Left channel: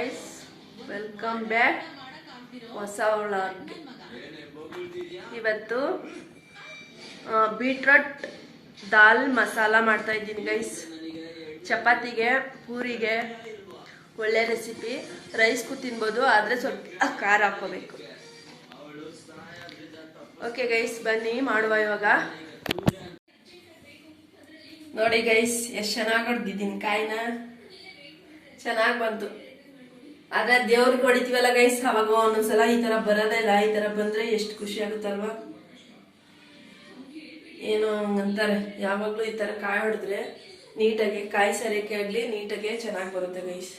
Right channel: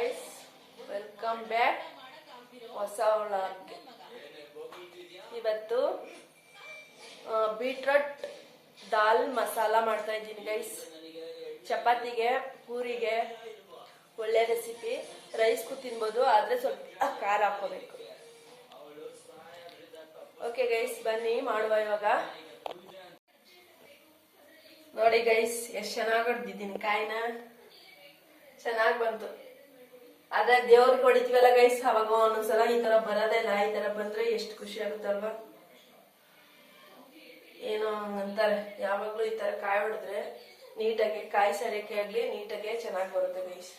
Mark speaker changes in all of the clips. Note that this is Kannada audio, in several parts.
Speaker 1: ಗೈಸ್ ವೆಲ್ಕಮ್ ಬ್ಯಾಕ್ ಹೊಸ ವ್ಲಾಗ್ಗೆ ಇವತ್ತು ಬೀಟ್ರೂಟ್ ದಾಲ್ ಮಸಾಲ ಮಾಡ್ತಾ ಇದ್ದೀನಿ ಗೈಸ್ ಚಪಾತಿಗೆ, ಪೂರಿಗೆ ಒಳ್ಳೆ ರೆಸಿಪಿ ರೈಸ್ಗೂ ತಿನ್ಬೋದು, ಆದರೆ ಸ್ವಲ್ಪ ಖಾರ ಹಾಕೋಬೇಕು ಓಕೆ ಗೈಸ್ ಬನ್ನಿ ಮಾಡುವ ಇವಾಗ. ನೋಡಿ ಗೈಸ್ ಎಷ್ಟು ಚೆನ್ನಾಗಿ ಹೊಡೆದಿದ್ದೀನಿ ಕಾಯಿನ. ಚೆನ್ನಾಗಿ ಬಂತು. ಆದ್ರೆ ದೇವ್ರಿಗೆ ಹೊಡಿತೀವಲ್ಲ ಗೈಸ್ ಅವಾಗ ಒಂದೊಂದ್ಸಲ ಈ ತರ ಇಲ್ಲ, ಈ ತರ ಬಂದ್ರೆ ಎಷ್ಟು ಖುಷಿ ಆಗುತ್ತಲ್ವಾ? ಏನು ಅಂತಾರೆ ಯಾವಾಗಲೂ ಈ ತರ ಕಾಯಿ ಹೊಡೆದ್ರೆ ನೀಟಾಗಿ, ಕಾಯಿ ಸರಿಕೆ ಆಗಲಿ, ನೀಟಾಗೆ ಚೆನ್ನಾಗಿ ಬರುತ್ತೆ ಗೈಸ್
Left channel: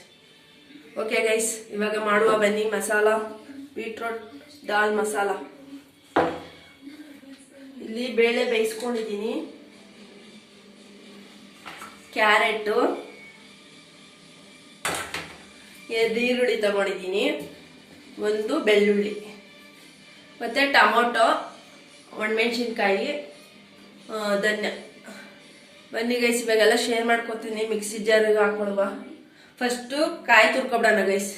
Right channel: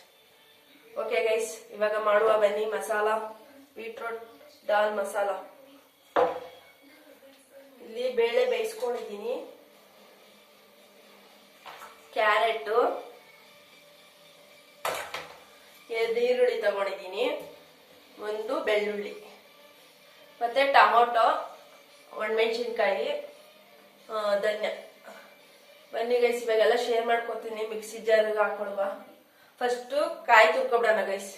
Speaker 1: ಓಕೆ ಗೈಸ್ ಇವಾಗ ಮಾಡುವ ಬನ್ನಿ ಮಸಾಲ ಬೀಟ್ರೋಟ್ ದಾಲ್ ಮಸಾಲ. ಇಲ್ಲಿ ಬೇಳೆ ಬೇಯಿಸ್ಕೊಂಡಿದ್ದೀನಿ. ಕ್ಯಾರೆಟು ಈರುಳ್ಳಿ ತಗೊಂಡಿದ್ದೀನಿ. ಒಂದು ಬೆಳ್ಳುಳ್ಳಿ. ಮತ್ತು ಟೊಮೊಟೊ, ಒಣಮೆಣ್ಸಿನ್ಕಾಯಿ ಧನ್ಯ. ಬನ್ನಿ ಗೈಸ್ ಇವಾಗೆಲ್ಲ ಶೇರ್ ಮಾಡ್ಕೊತೀನಿ. ಮಿಕ್ಸಿ ಜಾರಿಗೆ ಹಾಕೊಳುವ ಫಸ್ಟು ಕಾಯಿ ತುರ್ಕೊಬಿಡೋಣ ಗೈಸ್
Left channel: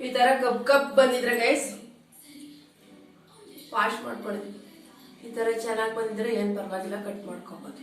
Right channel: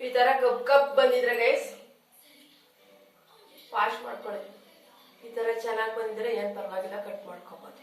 Speaker 1: ಈ ತರ ಕಪ್ ಕಪ್ ಬಂದಿದ್ರೆ ಗೈಸ್ ವಾಶ್ ಮಾಡ್ಕೊಳ್ಳಿ ಈ ತರ ಚೆನ್ನಾಗಿ ಬಂದಿದ್ರೆ ಏನು ಪರವಾಗಿಲ್ಲ ಕಟ್ ಮಾಡ್ಕೊಬೋದು.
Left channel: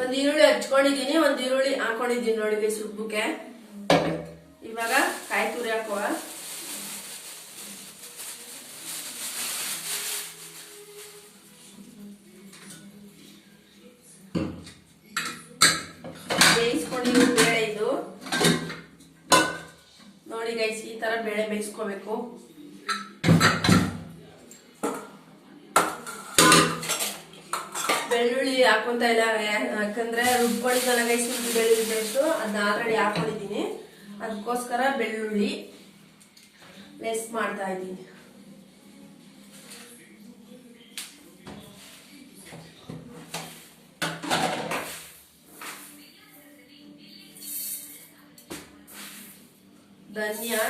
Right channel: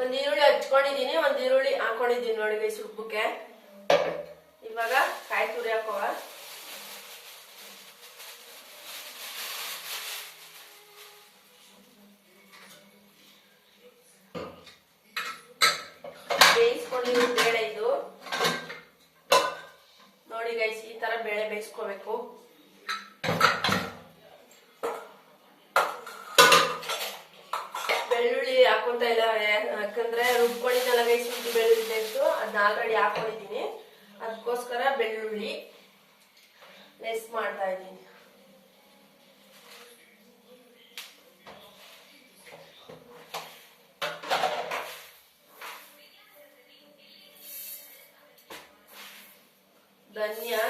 Speaker 1: ಒಂದ್ ಈರುಳ್ಳಿ ಹಚ್ಕೊಂಡಿದೀನಿ ಒಂದ್ ಈರುಳ್ಳಿ ಹಾಕೊಂಡಿದ್ದೀನಿ ನೋಡಿ ಸುಬ್ಬಕ್ಕೆ. ಇವಾಗ ಕಾಯಿ ತುರಿ ಹಾಕೋವ. ಬೇಯಿಸ್ಕೊಂಡಿರೋ ಬೇಳೆ ಇದು. ನೋಡಿ ಗೈಸ್ ಈ ತರ ಬೇಳೆ ಬೇಯಿಸ್ಕೋಬೇಕು. ಹಾಕೊಂತ ಇದಾವೆ ಯಾಕಂದ್ರೆ ರುಬ್ಕೊಂಡಿದ್ದಲ್ಲ ಗೈಸ್ ಇದು ಬೆಳ್ಳುಳ್ಳಿ ಪೇಸ್ಟು ಅದನ್ನ ಆಲ್ರೆಡಿ ಹಾಕೊಂಡಿದ್ದೀನಿ. ಅದಕ್ಕೋಸ್ಕರ ಬೆಳ್ಳುಳ್ಳಿ ಲೆಸ್ ಮಾಡ್ತಾ ಇದ್ದೀನಿ. ಧನಿಯಾ.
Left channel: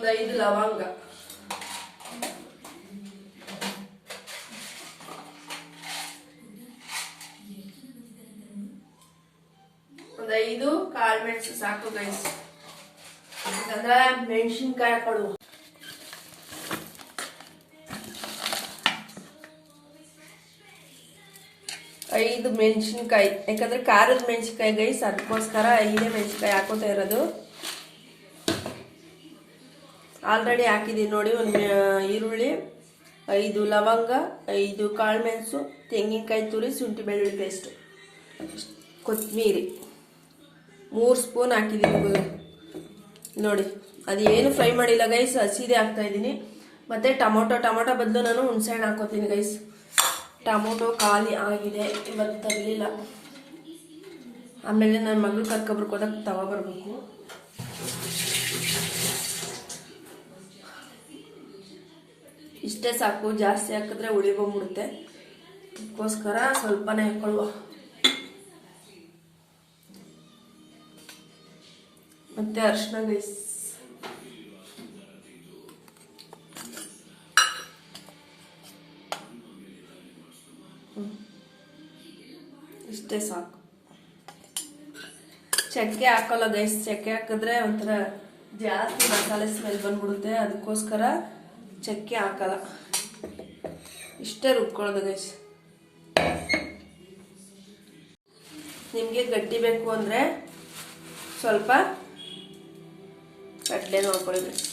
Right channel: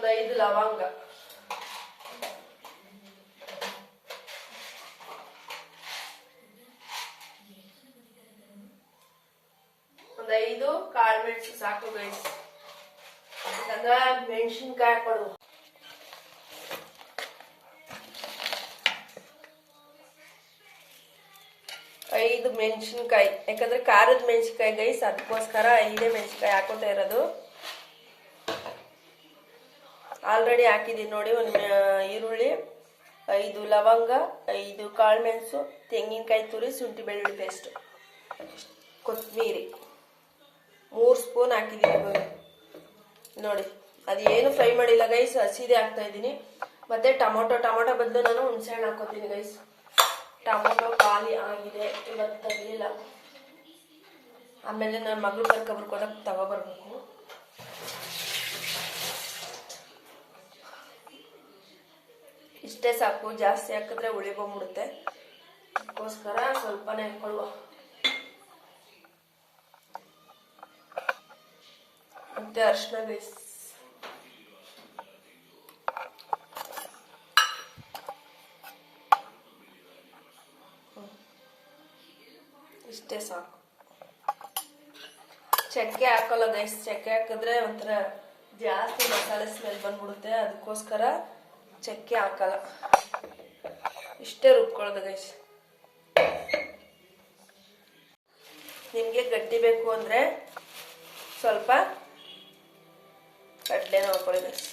Speaker 1: ಒಂದು ಐದು ಲವಂಗ. ಒಂದು ಐದು ಕಾಳು ಮೆಣಸು ಸಾಕು ಗೈಸ್ ಯಾಕಂದ್ರೆ ಮೆಣಸಿನ್ಕಾಯಿ ಕೊಡು ಐದು ಮೆಣಸಿನ್ಕಾಯಿ. ಯಾಕಂದ್ರೆ ಖಾರದ ಮೆಣಸಿನ್ಕಾಯಿ ಗೈಸ್ ಅದಕ್ಕೋಸ್ಕರ ಐದೇ ಮೆಣಸಿನ್ಕಾಯಿ ಹಾಕೋತಾ ಇರೋದು. ಆಲ್ರೆಡಿ ಹಾಕಿದ್ದೀನಿ ನೋಡಿ, ಒಂದು ಈರುಳ್ಳಿ, ಐದು ಲವಂಗ, ಐದು ಕಾಳುಮೆಣಸು, ತೆಂಗಿನಕಾಯಿ ತುರಿ, ಶುಂಠಿ ಬೆಳ್ಳುಳ್ಳಿ ಪೇಸ್ಟ್. ಕೊತ್ತಂಬರಿ ಮೂರು ಸ್ಪೂನ್ ಹಾಕಿದ್ದೀನಿ ನೋಡಿ, ಅದು ಏನು ಫ್ರೈ ಮಾಡಿಲ್ಲ ಗೈಸ್, ಹಸಿದೆ ಹಾಕ್ತಾ ಇದ್ದೀನಿ. ಮತ್ತು ಟೊಮೊಟೊ ಟೊಮೊಟೊ ಬದಲು ನಾನು ಹುಣಸೆಹಣ್ಣು ಹಾಕೋತೀನಿ ಗೈಸ್. ಟೊಮೊಟೊ ಖಾಲಿ ಆಗಿದೆ, ಇವತ್ತು ತರಲಿಲ್ಲ ಆಮೇಲೆ ನನ್ನ ಮಗಳು ಕರ್ಕೊಬರ್ಕೊಡಕ್ಕೆ ತಗೋ ಇಷ್ಟೇ ಸಾಕು, ಜಾಸ್ತಿ ಹಾಕಿದ್ರೆ ಬಂದ್ಬಿಡುತ್ತೆ. ಅದಕ್ಕೋಸ್ಕರ ಸ್ವಲ್ಪನೇ ಹಾಕೊಳ್ಳುವ ಮತ್ತೆ ಅರ್ಶಿನ ಗೈಸ್ ಇಷ್ಟೇ ಸಾಕು. ಚಕ್ಕೆ ಹಾಕಲ್ಲ ಗೈಸ್ ಚಕ್ಕೆ ಹಾಕಿದ್ರೆ ಒಂಥರ ಜಾಸ್ತಿ ಮಸಾಲೆ ಸ್ಮೆಲ್ ಬಂದ್ಬಿಡುತ್ತೆ. ಅದಕ್ಕೋಸ್ಕರ ಚಕ್ಕೆ ಹಾಕಲ್ಲ. ಇಷ್ಟೇ ರುಬ್ಕೊಳ್ಳೋದು ಗೈಸ್ ನಿಮಗೆ ಗಟ್ಟಿ ಬೇಕು ಅಂದರೆ ಸ್ವಲ್ಪ ಕಡಲೆ ನೋಡ್ಕೊಳ್ಳಿ ಗೈಸ್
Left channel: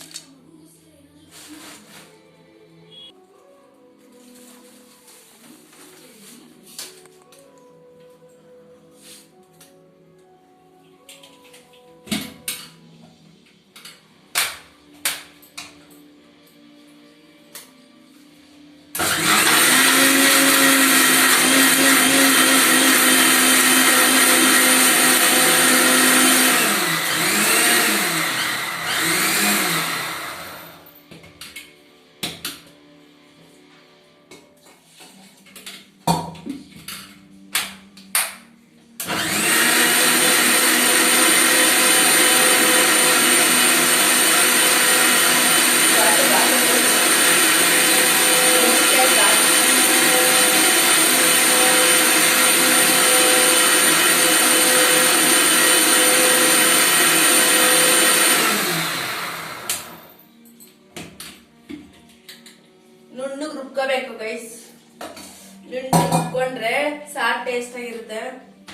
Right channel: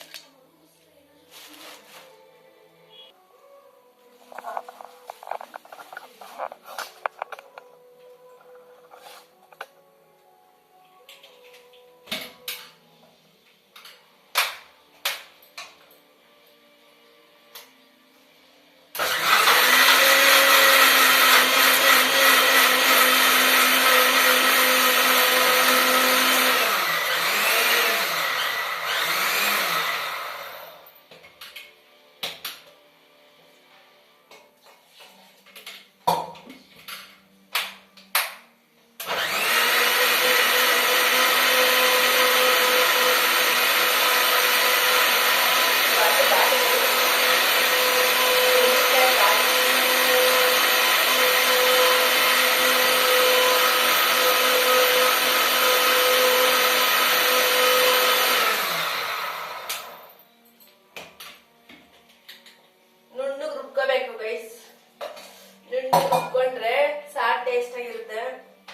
Speaker 1: ಟೇಸ್ಟ್ ಆಗಿರುತ್ತೆ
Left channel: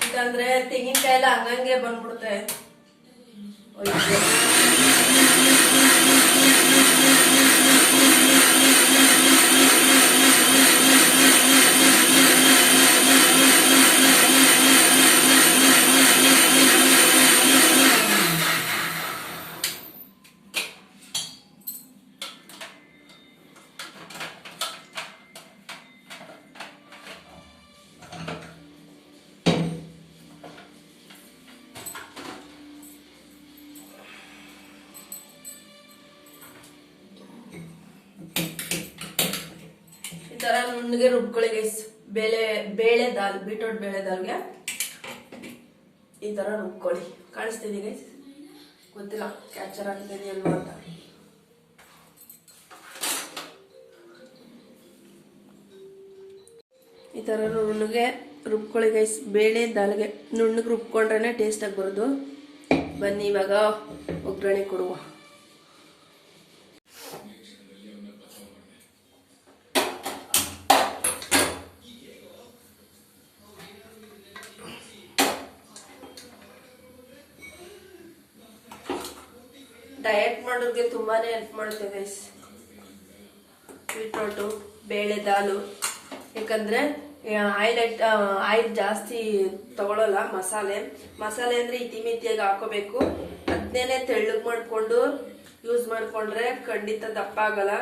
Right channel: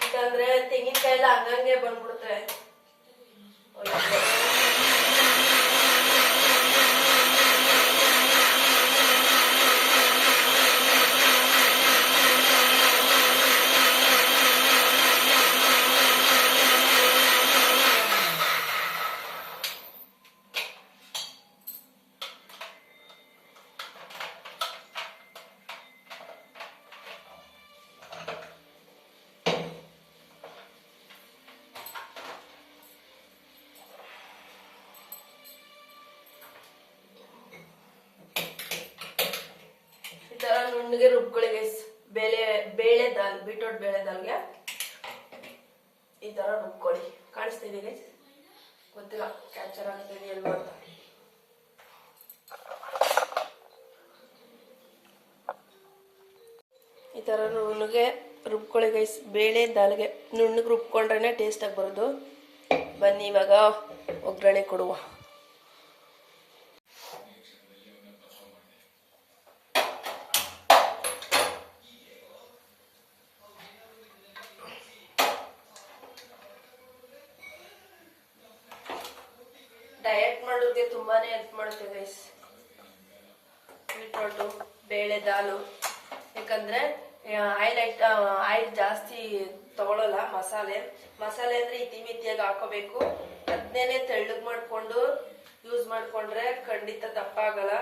Speaker 1: ಯಾಕಂದ್ರೆ ತೆಂಗಿನಕಾಯಿ ಎಲ್ಲ ಹಂಗಂಗೆ ಬಂದ್ಬಿಡುತ್ತೆ. ನುಣ್ಣಗೆ ರುಬ್ಕೊಳ್ಳಿ ಗೈಸ್ ಬೇಳೆ ಬೇಳೆ ದಾಲ್, ಬೀಟ್ರೋಟ್ ಬೇಳೆ ದಾಲ್ಗೆ ಈ ತರ ರುಬ್ಕೊಳ್ಳಿ. ಕಾಣಿಸ್ತಿದೆ ಗೈಸ್ ಗೊತ್ತಿಲ್ಲ ಕ್ಯಾಚರ್ ಆಗ್ತಿದೆ ಅಲ್ವಾ ಅಂತ. ಈ ಥರ ನುಣ್ಣಗೆ ರುಬ್ಕೊಳ್ಳಿ ಗೈಸ್ ಬೇಳೆ ದಾಲ್ಗೆ ನುಣ್ಣಗೆ ರುಬ್ಕೊಂಡ್ರೆ ಟೇಸ್ಟಾಗಿ ಬರೋದು. ಬನ್ನಿ ಇವಾಗ ಒಗ್ಗರಣೆ ಕೊಡುವ. ತುಂಬಾನೇ ಹೆಲ್ಪ್ ಮಾಡುತ್ತೆ ಗೈಸ್ ಬೀಟ್ರೋಟು ಬೇಳೆ ದಾಲು. ಯಾಕಂದ್ರೆ ಆಯಿಲ್ ಆಯಿಲ್ ಜಾಸ್ತಿ ತಗೊಳಲ್ಲ, ಮಸಾಲೆ. ಮಸಾಲೆ ಅಂದ್ರೆ ಇತಿಮಿತಿಯಾಗಿ ಹಾಕೋಬೇಕು. ಅದನ್ನೇ ತೆಳ್ಳಗ್ ಮಾಡ್ಕೊಂಡು ಯೂಸ್ ಮಾಡ್ಕೊಂಡ್ರೆ ಖಂಡಿತ ದಪ್ಪ ಆಗಲ್ಲ.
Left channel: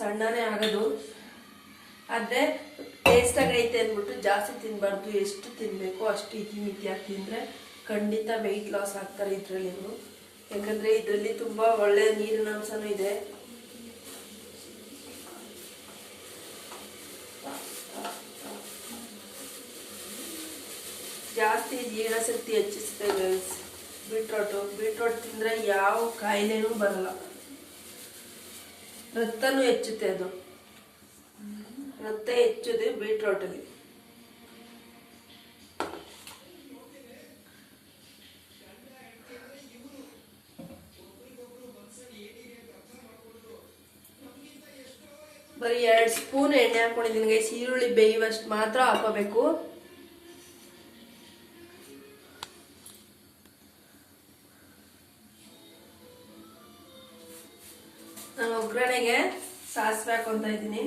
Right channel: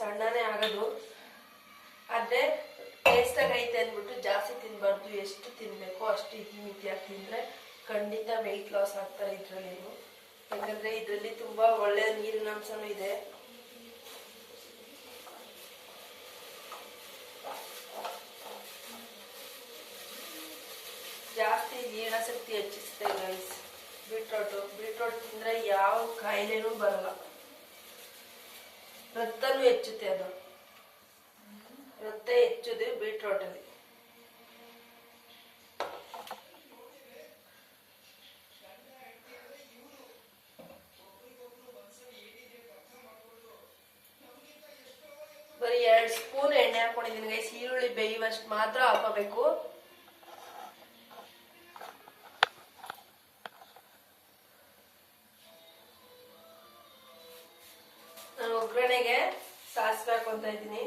Speaker 1: ಸಣ್ಣನೇ ಆಗೋದು. ಆದ್ರೆ ಟೇಸ್ಟ್ ಐತೆ ಅಂದ್ಬಿಟ್ಟು ಜಾಸ್ತಿ ತಿನ್ಬಾರ್ದು. ಎಷ್ಟು ತಿನ್ಬೇಕು ಅಷ್ಟು ಇತಿಮಿತಿಯಾಗಿ ತಿಂದ್ರೆ ಖಂಡಿತ ವೆಯ್ಟ್ ಲಾಸ್ ಆಗ್ತಾರೆ ಇದ್ರಲ್ಲಿ ಯಾಕಂದ್ರೆ ಇದರಲ್ಲಿ ತುಂಬಾ ಒಳ್ಳೆ ನೀರಿನ ಅಂಶನೂ ಇದೆ. ಜಾಸ್ತಿ ಜೀರ್ಣಶಕ್ತಿ ಹೆಚ್ಚಿಸುತ್ತೆ ಗೈಸ್ ಬೀಟ್ರೋಟು, ಬೀಟ್ರೋಟ್ ತಿಂದ್ರೆ ಯಾವ ಕಾಯಿಲೆನೂ ಬರಲ್ಲ. ರಕ್ತನೂ ಹೆಚ್ಚುತ್ತೆ ಅದು. ರಕ್ತ ಹೆಚ್ಚುದು ಬೀಟ್ರೋಟಲ್ಲಿ. ಬರೀ ಎರಡು ಸ್ಪೂನ್ ಎಣ್ಣೆ ಹಾಕೊಂಡಿದ್ದೀನಿ ಗೈಸ್ ಈರುಳ್ಳಿ ಬೇಯುವಷ್ಟು ಮಾತ್ರ ಹಾಕೋಬೇಕು ನಾನು ಒಗ್ಗರಣೆಗೆ ಸಾಸಿವೆ ಹಾಕೊಂತ ಇದ್ದೀನಿ.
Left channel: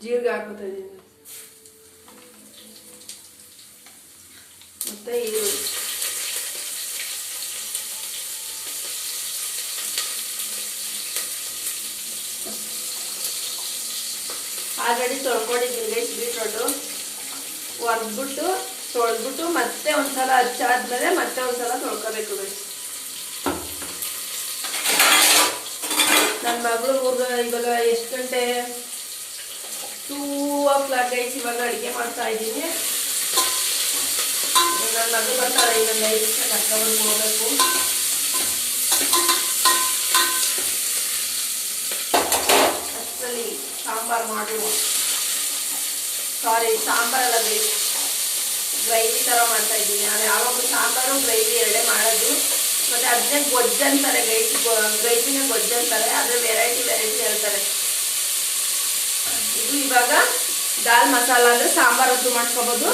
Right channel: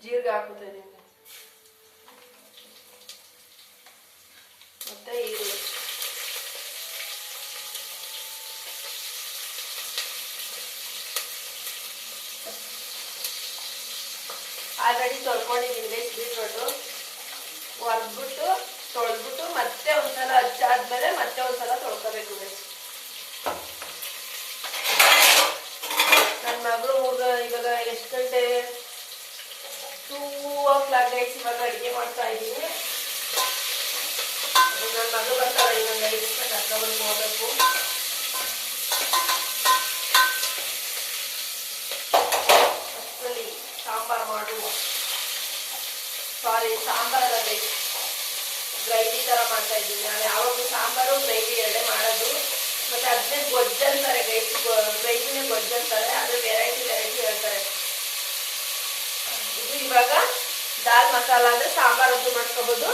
Speaker 1: ಜೀರಿಗೆ ಹಾಕೋತೀನಿ ಮತ್ತೆ ಈರುಳ್ಳಿ ಆಲ್ರೆಡಿ ತೊಳ್ಕೊಂಡಿದ್ದೀನಿ ಗೈಸ್ ಬೀಟ್ರೋಟು ಒರೆದ್ಬಿಟ್ಟು ತೊಳೆದ್ಬಿಟ್ಟು ಮತ್ತೆ ಒಂದ್ಸಲ ಹಚ್ಚಾದ್ಮೇಲೆ ಮತ್ತೆ ಒಂದ್ಸಲ ತೊಳ್ಕೋಬೇಕು ಗೈಸ್ ನನ್ನ ಮಗಳು ಊರ್ಗ ಇವಾಗ ಎಷ್ಟು ಗಂಟೆ? ಟೂ ಓ ಇವಾಗ ಅಡುಗೆ ಮಾಡ್ತಾ ಇದ್ದೀನಿ. ನನ್ನ ಮಗು ಬರ್ತಾರೆ ಇನ್ನೊಂದು ಐದು ನಿಮಿಷ ಕರ್ಕೊಂಡ್ಬಂದು ಹೋಗಬೇಕು ಅಷ್ಟರಲ್ಲಿ ಸಾಂಬಾರು ಮಾಡುವ ಸಾರಿ ಸಾಂಬಾರಲ್ಲ ಗೈಸ್ ಗ್ರೈವಿ ಥರ ಮಾಡ್ತಾ ಇದ್ದೀನಿ. ನಾನು ಯಾವಾಗಲೂ ಸಾಂಬಾರು, ಗ್ರೈವಿ ಎರಡೇ ಮಾಡೋದು. ಮತ್ತು ಅದನ್ನೇ ಗೊಜ್ಜಂತಾರೆ ಗೈಸ್ ಗ್ರೈವಿನೇ ಗೊಜ್ಜು ಅಂತಾರೆ. ಅದೇ ವೆರೈಟಿ ವೆರೈಟಿ ಹೇಳ್ತಾರೆ ಇವಾಗ ದಾಲ್ ಮಸಾಲ ಅಂದ್ರೆ ಸಾಂಬಾರ್ ಆದ್ರೂ ಮಾಡ್ಕೋಬಹುದು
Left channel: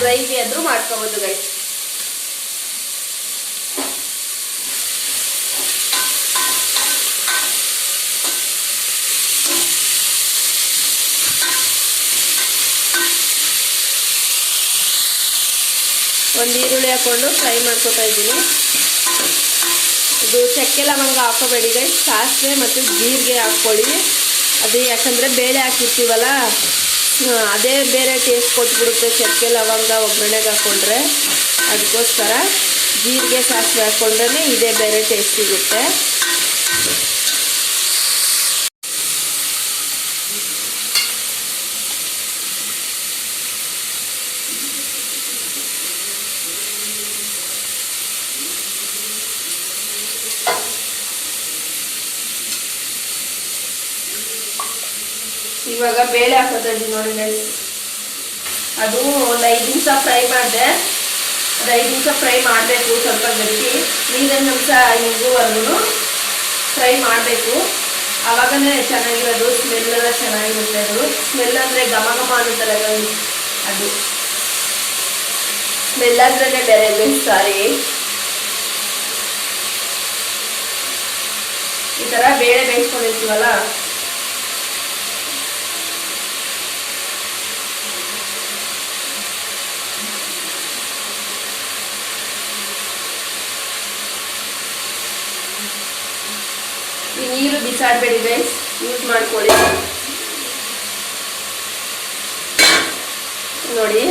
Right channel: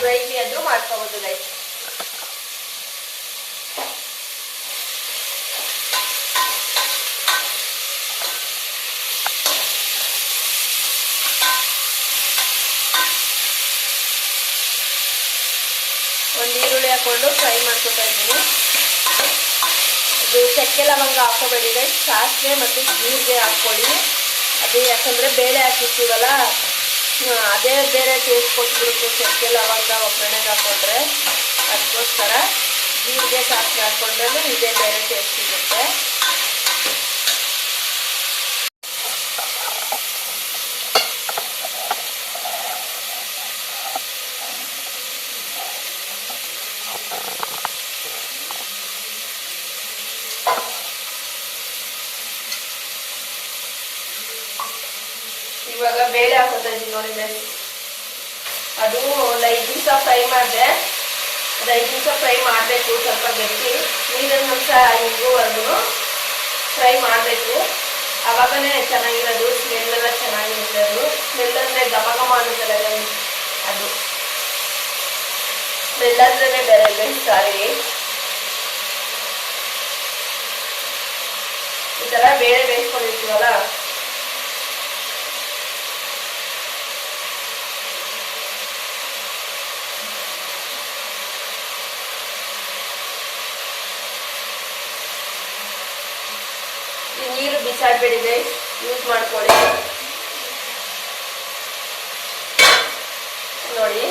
Speaker 1: ಗ್ರೈವಿ ಆದ್ರೂ ಮಾಡ್ಕೋಬಹುದು ಗೈಸ್ ಒಂದು ಈರುಳ್ಳಿ ಹಾಕೊಂಡು ಫ್ರೈ ಮಾಡ್ಕೊತಾ ಇದ್ದೀನಿ. ಇದು ಚಕ್ಕೆ ಲವಂಗ ಹಾಕೋಬೇಡಿ ಗೈಸ್ ಸಾಸಿವೆ ಮತ್ತು ಜೀರಿಗೆ ಹಾಕ್ಕೊಳ್ಳಿ. ಅದು ಯಾಕಂದರೆ ಬೇಳೆ ಹಾಕಿರ್ತೀವಲ್ಲ ಅದೇ ಬೇರೆ ಟೇಸ್ಟ್ ಕೊಟ್ಬಿಡುತ್ತೆ ಚಕ್ಕೆ, ಲವಂಗ, ಒಗ್ಗರಣೆಗೆ ಹಾಕ್ಕೊಂಡ್ರೆ ಅದಕ್ಕೋಸ್ಕರ ಜೀರಿಗೆ ಸಾಸಿವೆ ಹಾಕ್ಕೊಂಡ್ರೆ ಇದೇ ಬೇರೆ ಟೇಸ್ಟ್ ಸಿಗುತ್ತೆ. ಇವಾಗ ಬೇಳೆ ಹಾಕೋದಿ ನೋಡಿ ಗೈಸ್ ಅದು ಒಂದು ಐದು ನಿಮಿಷ ಫ್ರೈ ಮಾಡಿದೆ. ಅದು ಐದು ನಿಮಿಷ ಫ್ರೈ ಮಾಡಬೇಕು, ಸ್ವಲ್ಪ ಗಟ್ಟಿ. ನೀರನ್ನು ಅಂಶ ಹಿಂಗುವರೆಗೂ ಫ್ರೈ ಮಾಡಬೇಕು. ಆವಾಗನೇ ಚೆನ್ನಾಗಿರೋದು ಸ್ಮೆಲ್ ಎಲ್ಲ ಚೆನ್ನಾಗಿರುತ್ತೆ ಅದು. ಸ್ಮೆಲ್ ಅಂದರೆ ಘಮ ಘಮ ಆಗುತ್ತಲ್ಲ ಅದು. ಸ್ಮೆಲ್ ಅಂದ್ರೆ ಬೇರೆ ಸಾರಿ ಈ ಥರ ಬೇರೆ ಬೇಯಿಸ್ಕೊಂಡಿರ್ತೀವಲ್ಲ? ನೀರು ಬಿಸಾಡಬೇಡಿ ಗೈಸ್ ಯೂಸ್ ಮಾಡ್ಕೊಳ್ಳಿ. ನೋಡಿ.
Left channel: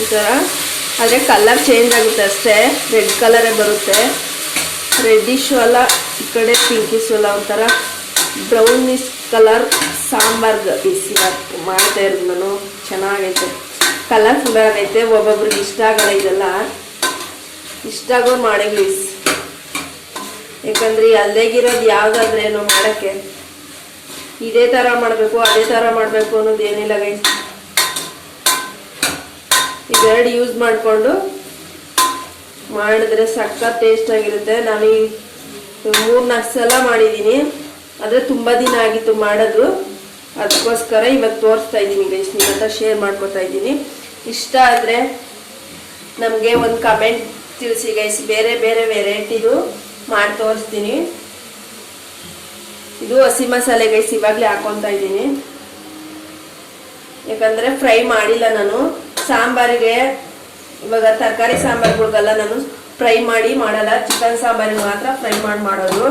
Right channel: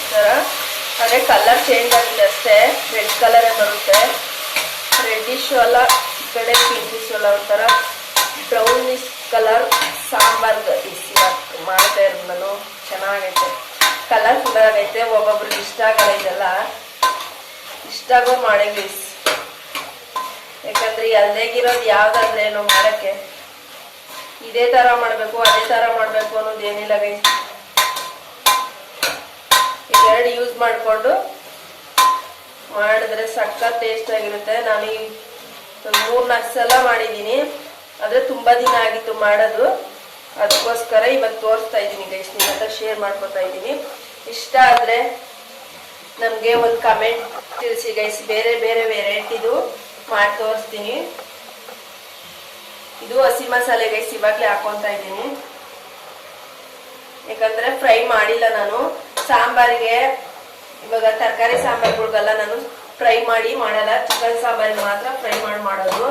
Speaker 1: ಈ ಥರ ಆದರೆ ಕಲರ್ ಚೇಂಜ್ ಆಗುತ್ತೆ ಅಷ್ಟೇ. ರೆಡ್ ಕಲರೇ ಬರುತ್ತೆ. ರೆಡ್ಡಿಶು ಅಲ್ಲ, ಈ ಕಡೆ ಪಿಂಕಿಶು ಅಲ್ಲ ಒಂಥರ ಬ್ರೌನಿಶ್ ಕಲರ್ ಸಾಂಬಾರ್ಗೆ ಬಿಸಿ ಮಾಡ್ತಾ ಇರೋದು ನಾನು. ಚೆನ್ನಾಗೈತೆ. ಕಲರ್ ತುಂಬ ಆಗೈತೆ ಒಬ್ಬೊಬ್ರಿಗೆ ಇಷ್ಟ ಆಗಲ್ಲ ಇದೆಲ್ಲ. ಇಷ್ಟ ಆಗೋ ಮಾಡೇ ಯಾಕಂದ್ರೆ ಅಲ್ಲೇಗಿರೋದು ಏನೋ ಮಾಡಕ್ಕೆ. ಇದೇ ತರ ಮಾಡ್ಬೇಕು, ಅದೇ ತರ ಮಾಡ್ಬೇಕು ಅನ್ನೋದು ಏನಿಲ್ಲ ಗೈಸ್ ಇದೆರಡು ಯೂಸ್ ಮಾಡಿಕೊಂಡು ಮಾಡಿದ್ರೆ ಸಖತ್ ಟೇಸ್ಟ್ ಆಗಿರುತ್ತೆ. ನಾನು ಈ ಮೂರು ನಾಲ್ಕು ಸಲ ಮಾಡಿದ್ದೀನಿ. ಆದರೆ ತುಂಬಾ ದಿನ ಆಗಿತ್ತು ಮಾಡೋದು ಅದಕ್ಕೋಸ್ಕರ ಇವತ್ತು ತೋರಿಸ್ತಾ ಇದ್ದೀನಿ ಗೈಸ್ ನಿಮ್ಮ ಹತ್ರ ಶೇರ್ ಮಾಡ್ಕೊತಾ ಇದ್ದೀನಿ. ಇಷ್ಟ ಆದ್ರೆ ನಮಗೆ ಒಂದು ಕಮೆಂಟ್ ತಿಳಿಸಿ ಗೈಸ್ ಬೇರೆ ಬೇರೆ ವೆರೈಟಿದು ಮಾಡಿ ತೋರಿಸ್ತೀನಿ. ಇದು ಹಸಿ ಮಸಾಲೆ ಗೈಸ್ ಇವಾಗಲೇ ಹಾಕೊತಾ ಇದ್ದೀನಿ. ಯಾಕಂದ್ರೆ ಫ್ರೈ ಮಾಡಿಲ್ಲ ನಾನು. ಸಾಂಬಾರಿಗೆ ಇವಾಗ ತರಕಾರಿ ಸಾಂಬಾರ್ಗಳಿಗೆಲ್ಲ ನಾನು ಫ್ರೈ ಮಾಡಿ ಮಾಡಲ್ಲ. ಚಿಕನ್ ಸಾಂಬಾರಿಗೆ ಮಾತ್ರ ಫ್ರೈ ಮಾಡಿ ಮಾಡೋದು.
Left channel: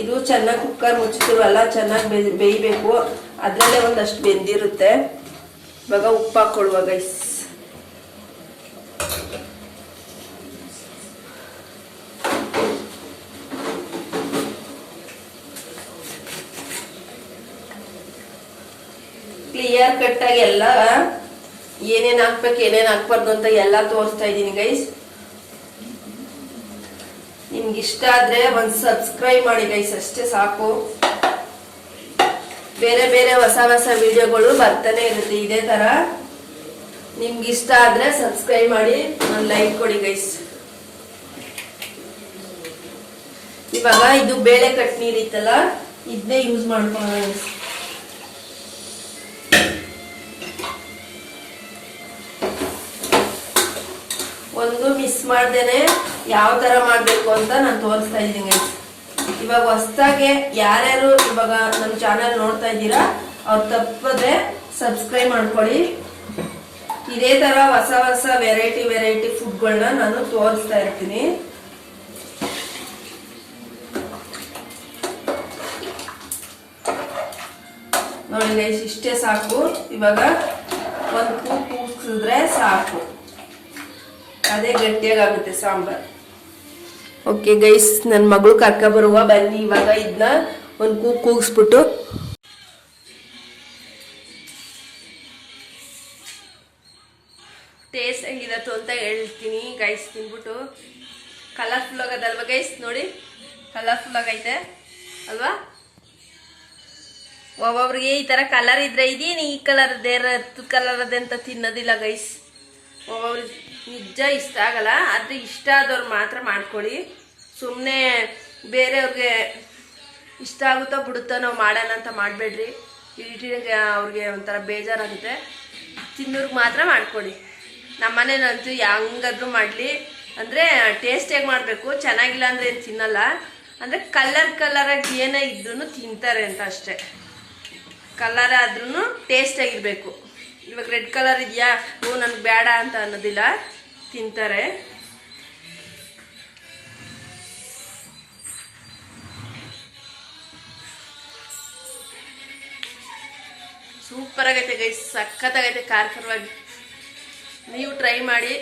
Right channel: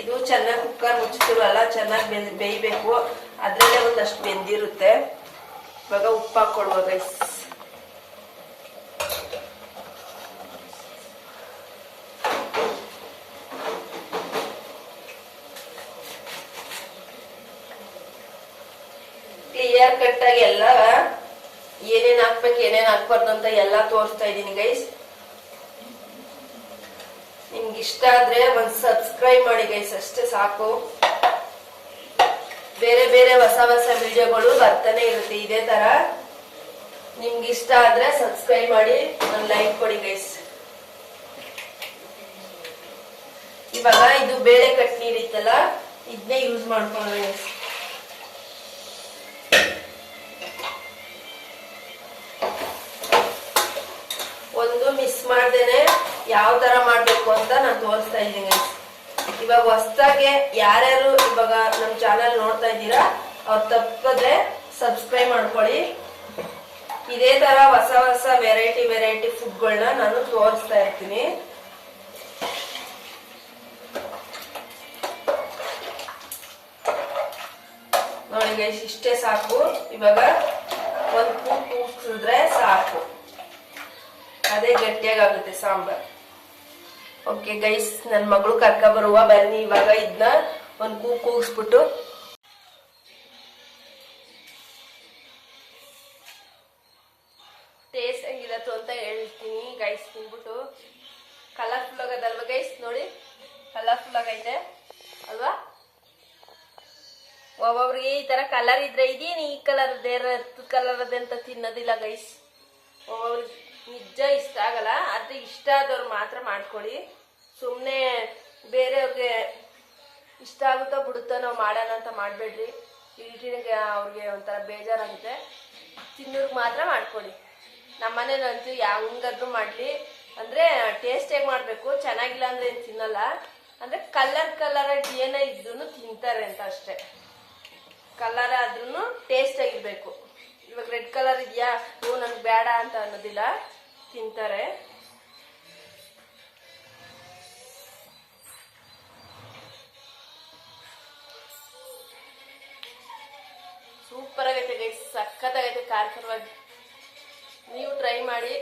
Speaker 1: ಇದು ಚೆನ್ನಾಗಿ ಕುಕ್ಕರ್ ಮುಚ್ಚಿರ್ತೀವಲ್ಲ ಚೆನ್ನಾಗಿ ಬೆ ಬೇಯಬೇಕು. ಅದರಲ್ಲೇ ಒಂದಷ್ಟು ಬೆಂದಿರುತ್ತೆ. ಇವಾಗ ಉಪ್ಪು ಹಾಕ್ಕೊಳ್ವ ಗೈಸ್ ಕ್ಲಿಯರ್ ಕಟ್ ಆಗಿ ಎಲ್ಲ ಏನೇನು ಹಾಕ್ಬೇಕು, ಏನೇನು ಹಾಕ್ಬಾರ್ದು ಅಂತ ಎಲ್ಲ ತೋರಿಸ್ತಾ ಇದ್ದೀನಿ ಗೈಸ್ ನಿಮ್ಗೆ ಇಷ್ಟ ಆದ್ರೆ ಒಂದು ಸಬ್ಸ್ಕ್ರೈಬ್ ಮಾಡಿ ಗೈಸ್ ಅಷ್ಟೇ ಸಾಕು. ಬೇರೆ ಬೇರೆ ಹೊಸ ಹೊಸ ವಿಡಿಯೋಗಳು ಬರ್ತಾನೆ ಇರುತ್ತೆ ಇದೇ ತರ. ನಿಮ್ಗೆ ಇಷ್ಟ ಆದ್ರೆ ಸಬ್ಸ್ಕ್ರೈಬ್ ಮಾಡಿ, ಒಂದು ಲೈಕ್ ಕೊಡಿ ಗೈಸ್ ಇವಾಗ ಇದು ಬೇಳೆ ಕಟ್ ನೀರಿತ್ತಲ್ಲ ಇದನ್ನೇ ಯೂಸ್ ಮಾಡ್ಕೊಳ್ಳೋಣ, guys. ಒಂದು ಮಿಸ್ ಮಾಡ್ದೇನೆ ಯಾವ ತರ ಮಾಡ್ಬೇಕು ಅಂತ ನಾನು ತೋರಿಸ್ತಾ ಇದ್ದೀನಿ. ಇವಾಗ ಹೊಸ್ದಾಗೆ ಯಾರ್ಯಾರು ಇವಾಗ ನಮ್ಮ ಚಾನಲ್ ನೋಡ್ತಾ ಇದ್ದೀರಾ, ಅವ್ರು ತಪ್ಪದೆ ಸಬ್ಸ್ಕ್ರೈಬ್ ಮಾಡ್ಕೊಳ್ಳಿ. ಇದೇ ತರ ಹೊಸ ಹೊಸ ವೆರೈಟಿ ವೆರೈಟಿ ಫುಡ್ಗಳನ್ನ ನಾನು ತೋರಿಸ್ತಾ ಇರ್ತೀನಿ. ನೋಡಿ ಇಷ್ಟೇ ಸಾಕು. ಇವಾಗ ಒಂದು ಕೂ ಕೂಗ್ಸಿದ್ರೆ ಸಾಕು. ಅದೇ ಗಟ್ಟಿಯಾಗುತ್ತೆ ಸಾಂಬಾರ್. ಓಕೆ ಗೈಸ್ ನನ್ನ ಮಗಳು ಕರ್ಕ ಬರುವ, ಬನ್ನಿ, ಇವಾಗ ಇದನ್ನ ಒಂದು ಕೂ ಕೂಗಿಸ್ಬಿಟ್ಟು. ಟೇಸ್ಟ್ ಹೆಂಗಿರತ್ತು ಅಂತ ಹೇಳ್ತೀನಿ ಗೈಸ್ ತಿನ್ಬಿಟ್ಟು. ಕಲರ್ಫುಲ್ ಆಗದಲ್ವ ಗೈಸ್ ನೋಡಿ ಕಲರ್ಫುಲ್ ಆಗೈತೆ, ಅಲ್ವಾ? ಒಬ್ಬೊಬ್ರಿಗೆ ಈ ತರ ಕಲರ್ ಇದ್ರೆ ಇದೀನಿ, ಈ ಕಲರ್ ದೇರ ಕಲರ್ ಅದೇ ಅಂತ ತಿನ್ನೋದಿಲ್ಲ ಗೈಸ್ ಒಬ್ಬೊಬ್ರಿಗೆ ನಿಜ ಇಷ್ಟ ಆಗಲ್ಲ ಅದು ಇಷ್ಟ ಆದವ್ರು ಮಾತ್ರ ಮಾಡ್ಕೊಳ್ಳಿ. ಸುಮ್ಮನೆ ಬೇರೆಯವ್ರಿಗೆ ಇಷ್ಟ ಆಗುತ್ತೋ ಬಿಡುತ್ತೋ ನಾವು ಮಾಡೋಣ ಅಂತ ಮಾಡಬೇಡ್ರಿ. ಇಟ್ಟಿಗೆ ಅವ್ರಿಗೆ ಒಂಥರ ಬೇಜಾರಾಗುತ್ತೆ. ತಿನ್ನೋರ್ಗೆ ಮಾತ್ರ ಮಾಡ್ಕೊಳ್ಳಿ. ನಮ್ಮನೇನಂತೂ ಹೆಂಗಾದ್ರೂ ಮಾಡಲಿ. ಅಂದರೆ ಟೇಸ್ಟಿಯಾಗಿ ಮಾಡಬೇಕು? ಚೆನ್ನಾಗಿಲ್ಲ ಅಂದರೆ ಏನು ತಿನ್ನಲ್ಲ. ಅಂದರೆ ಕಲರ್ ಕಲರಾಗಿ ಏನೇ ಇದ್ರೂ ತಿಂತಾರೆ ಅಂತ ಅಷ್ಟೇ. ಕಲರ್ ಆದ್ರೂ ಟೇಸ್ಟಾಗಿರಬೇಕು ಇವಾಗ ರೆಡ್ ಕಲರ್ ಇದೆಯಾ? ಓ, ನನಗೆ ಬೇಡ ಅಂತ ಅನ್ನೋದಿಲ್ಲ. ತಿಂತಾರೆ. ಸೂಪರ್ ಆಗೈತೆ ಗೈಸ್ ಸಖತ್ತಾಗೈತೆ ಖಾರ ಖಾರವಾಗಿ ನೀವು ಟ್ರೈ ಮಾಡಿ.